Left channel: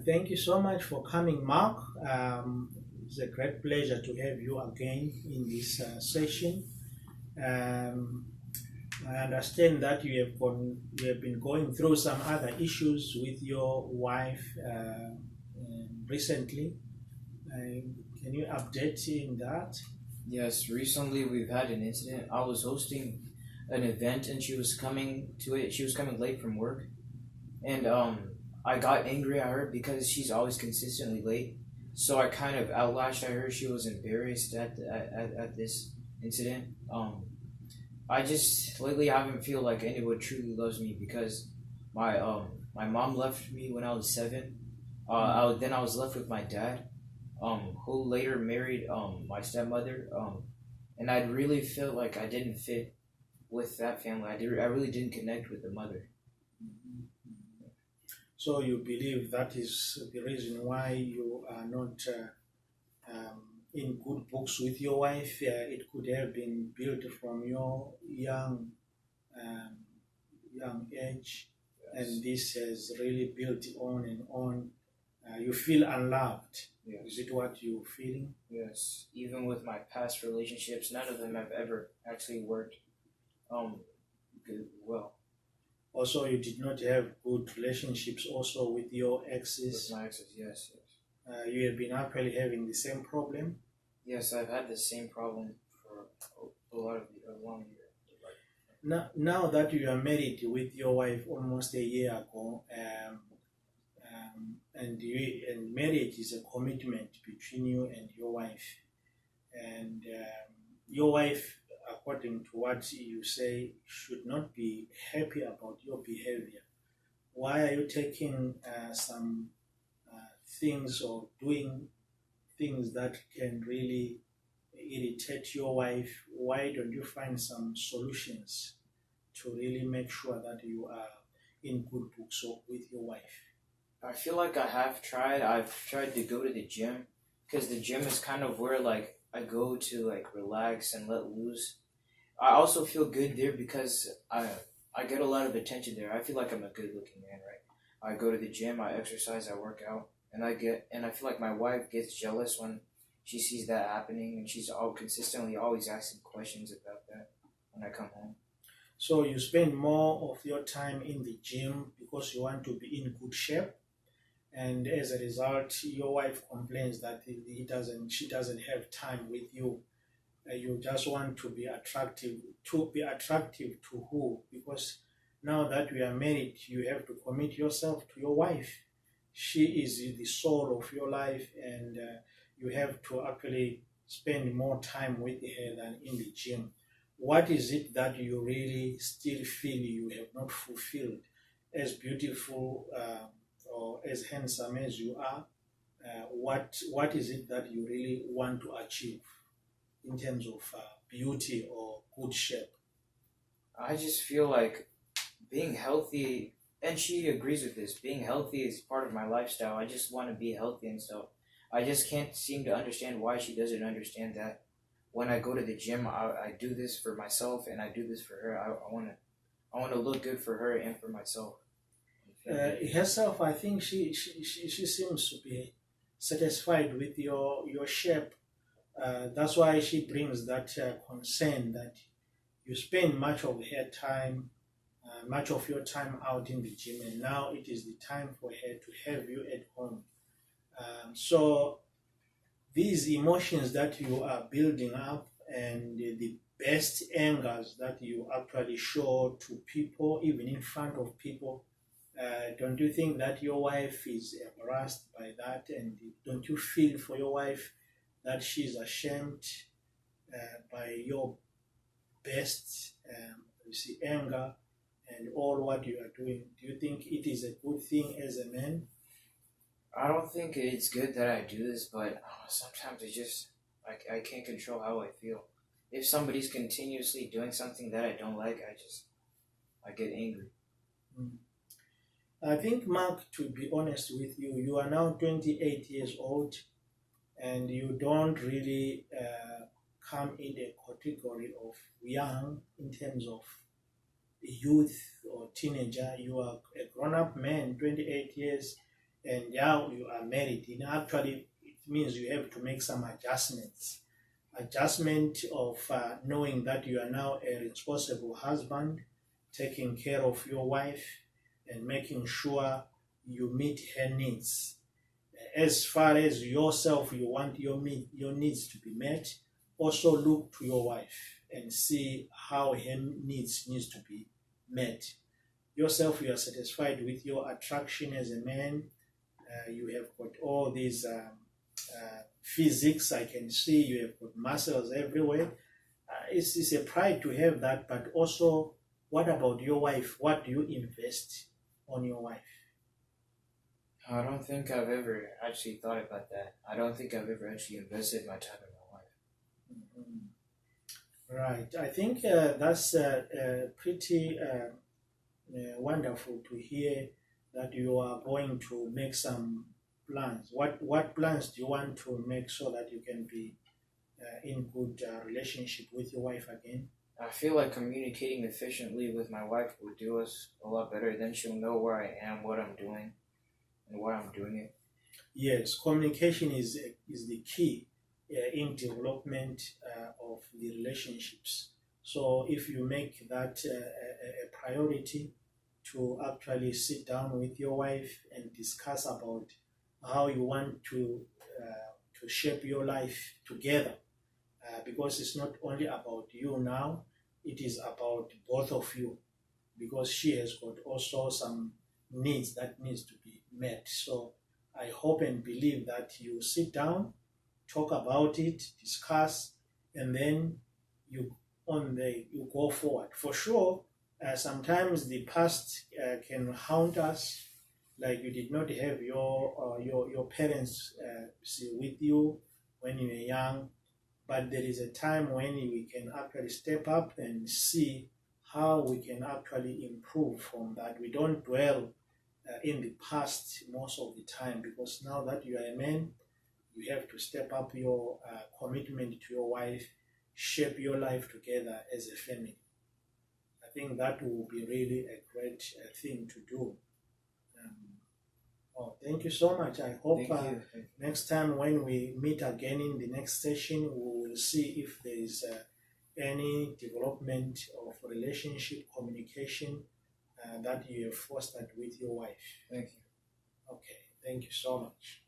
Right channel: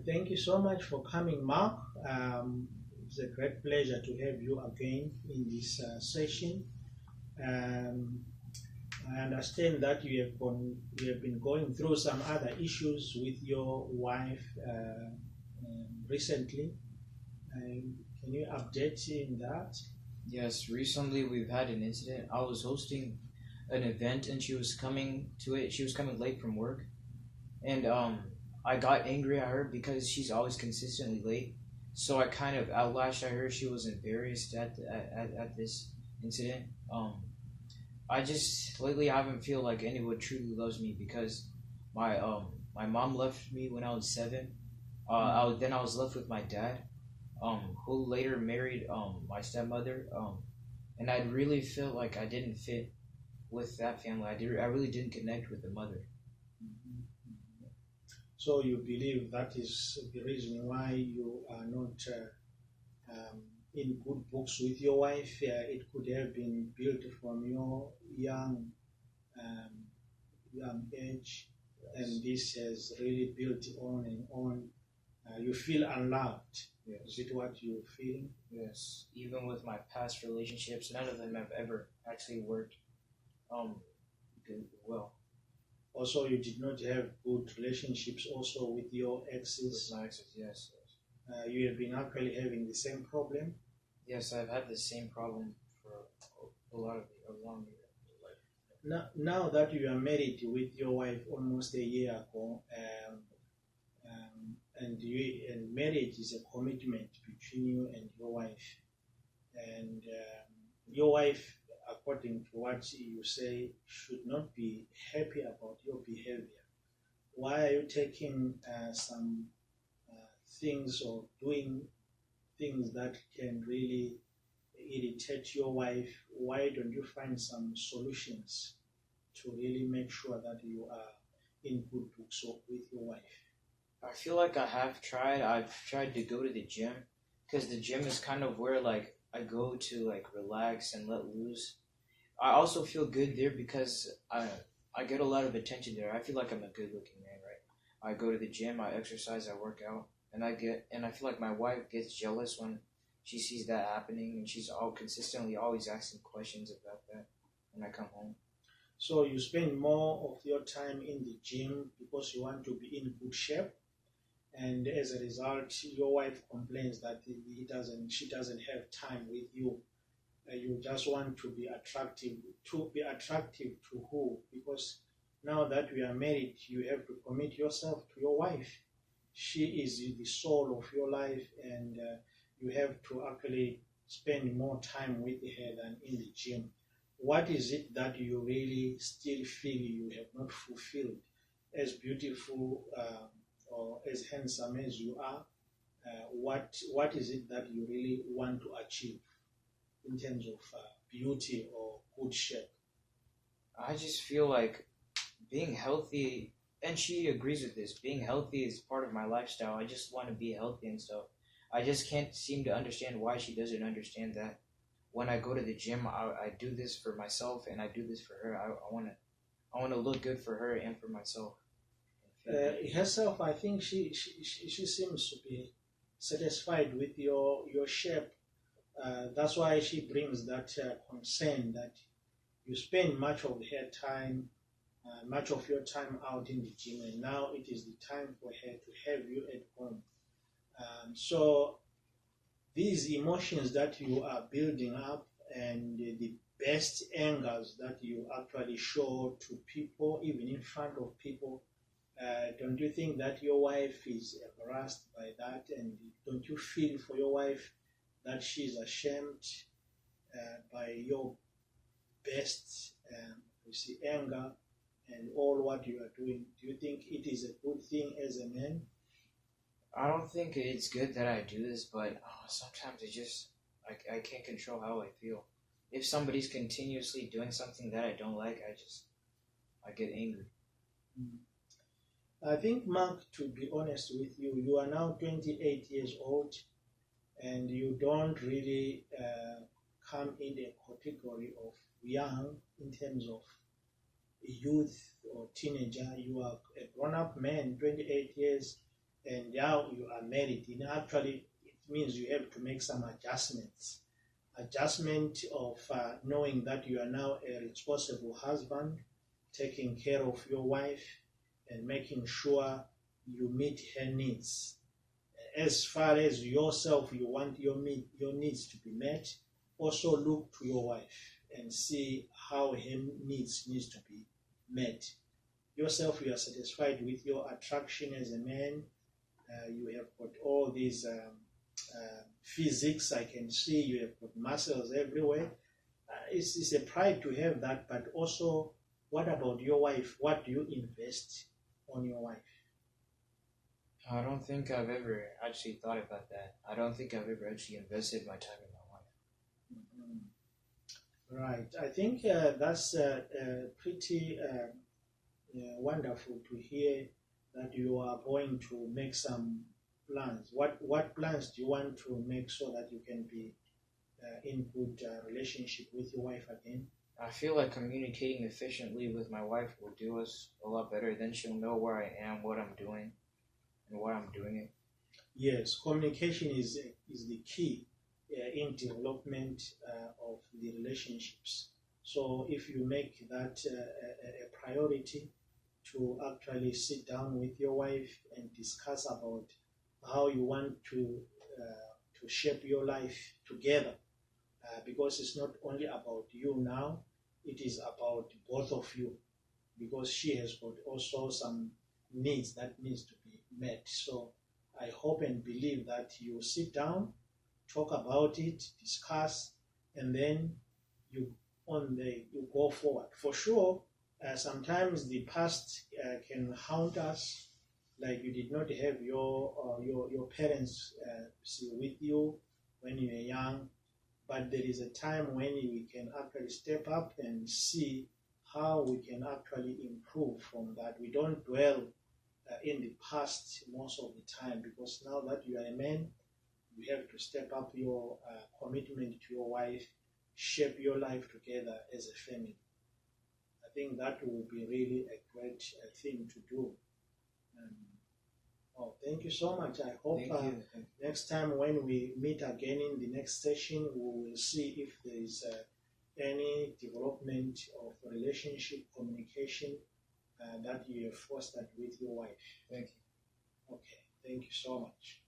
Thank you so much for coming, Mark. It's a great pleasure to have you again in this session. Um, I understand that you have been going through some other issues with your wife recently. Can you update in that? Yes, recently we've had an incident. I was hosting an event and she was coming to it. She was coming late from work, and I got angry at her because she's always consistently late. So I kind of outlashed at her. She was embarrassed at this incident. I just lately haven't feel like anyone truly loves me because my mom left me when I was 7. Then I was left with my dad, who later married my stepmother. And I really felt like I didn't fit with that family. I really didn't connect with the mother. So you believe that is the reason why you are not in good books with your wife. It could have been built from your um, young age, and Yes. this has really built on and on. You feel unloved. Is Yes. it what you're feeling? Yes. Even with my past relationships, none of them have ever actually worked good, well Also, you did not have good relationships also with your with exes. my exes. Yes, yes. You have been actually having the same problem. Yes, I've had the same problem for a long year. Now that you are married with your wife almost a year ago, and marriage is a commitment between you and your wife, and your wife, according to what you say, should not be happy about your behavior. Why are you taking some things or doing things that can really irritate your wife? Why don't you find some solutions to really make sure that you are in good books with your wife? I feel like I have tried. I've tried to go to the gym because the gym is kind of where like I go to like relax and let loose. I also feel good there because I get a lot of attention there. I feel like I'm a good looking man, right? I go to the gym, I exercise, I work out, and I feel like my wife gets jealous when she sees that happening, and she's all consistently always asking questions about that when I come home. So you spend more of your time in the gym because you want to be in good shape, and as a result, your wife complains that she doesn't have time with you. You just want to be attractive. To be attractive to who? Because now that we are married, you have to commit yourself to your wife. She is the soul of your life, and you have to actually spend more time with her than in the gym. What is it that you really still feel you have not fulfilled? As beautiful or as handsome as you are, what is it that you really want to achieve in terms of beauty or good shape? I just feel like being healthy, and she agrees with this. Being healthy is part of my lifestyle. I just want to be healthy and stuff. I just can't seem to understand why she doesn't understand that. When I go to the gym, I do this for myself, and I do this for her. I want to look good for her and for myself. Herself, I think she seems to be satisfied with your shape. That's why she brings that concern that you spend much of your time out in the gym, and now it is the time for her to have you at home. So these emotions that you are building up and the best angers that you actually show to people, even in front of people, don't you think that your wife is embarrassed by that? And don't you feel for your wife that she's ashamed by your best anger and all what you are doing? Do you think it is a good thing as a man? I don't think it's good that I do this, but sometimes I can't control how I feel. If somebody's continuously doing something that I don't like, I get angry. Mm. I think, Mark, to be honest with you, you are now 28 years old, and you don't really come in a category of young in terms of youth or teenager. You are a grown-up man, 28 years. and now you are married. Actually, it means you have to make some adjustments. Adjustment of knowing that you are now a responsible husband, taking care of your wife, and making sure you meet her needs. As far as yourself, you want your needs to be met, also look to your wife and see how her needs to be met. Yourself, you are satisfied with your attraction as a man. You have got all these physics, I can see you have got muscles everywhere. It's a pride to have that, but also, what about your wife? What do you invest on your wife? I don't think I've ever actually thought about that. I don't think I've ever actually invested my time in my wife. Mm-hmm. Right. I think that's pretty wonderful to hear that you are going to make some plans. What plans do you want to make so that you can be in good relationship with your wife again? I feel like communicating efficiently with my wife will do us a lot better. Then she'll know where I am, what I'm doing, and why I'm doing it. Yes, communication is the key in development of the relationships. So if you make that a priority to actually sit down with your wife and discuss about how you want to shape your life together, because it's not only about you now, it is about both of you, because she has got also some needs that needs to be met. So I hope and believe that you sit down, talk about it, discuss, and then you go forward. For sure, sometimes the past can haunt us, like you did not have your parents with you when you were young, but there is a time when we can actually step up and see how we can actually improve from that. We don't dwell in the past most of the time, because now that you are a man, you have to step up your commitment to your wife, shape your life together as a family. I think that will be really a great thing to do. Thank you so much. I hope next time when we meet again in the next session, we will see if there is any development of relationship communication that you have fostered with your wife. Thank you. Okay, thank you so much.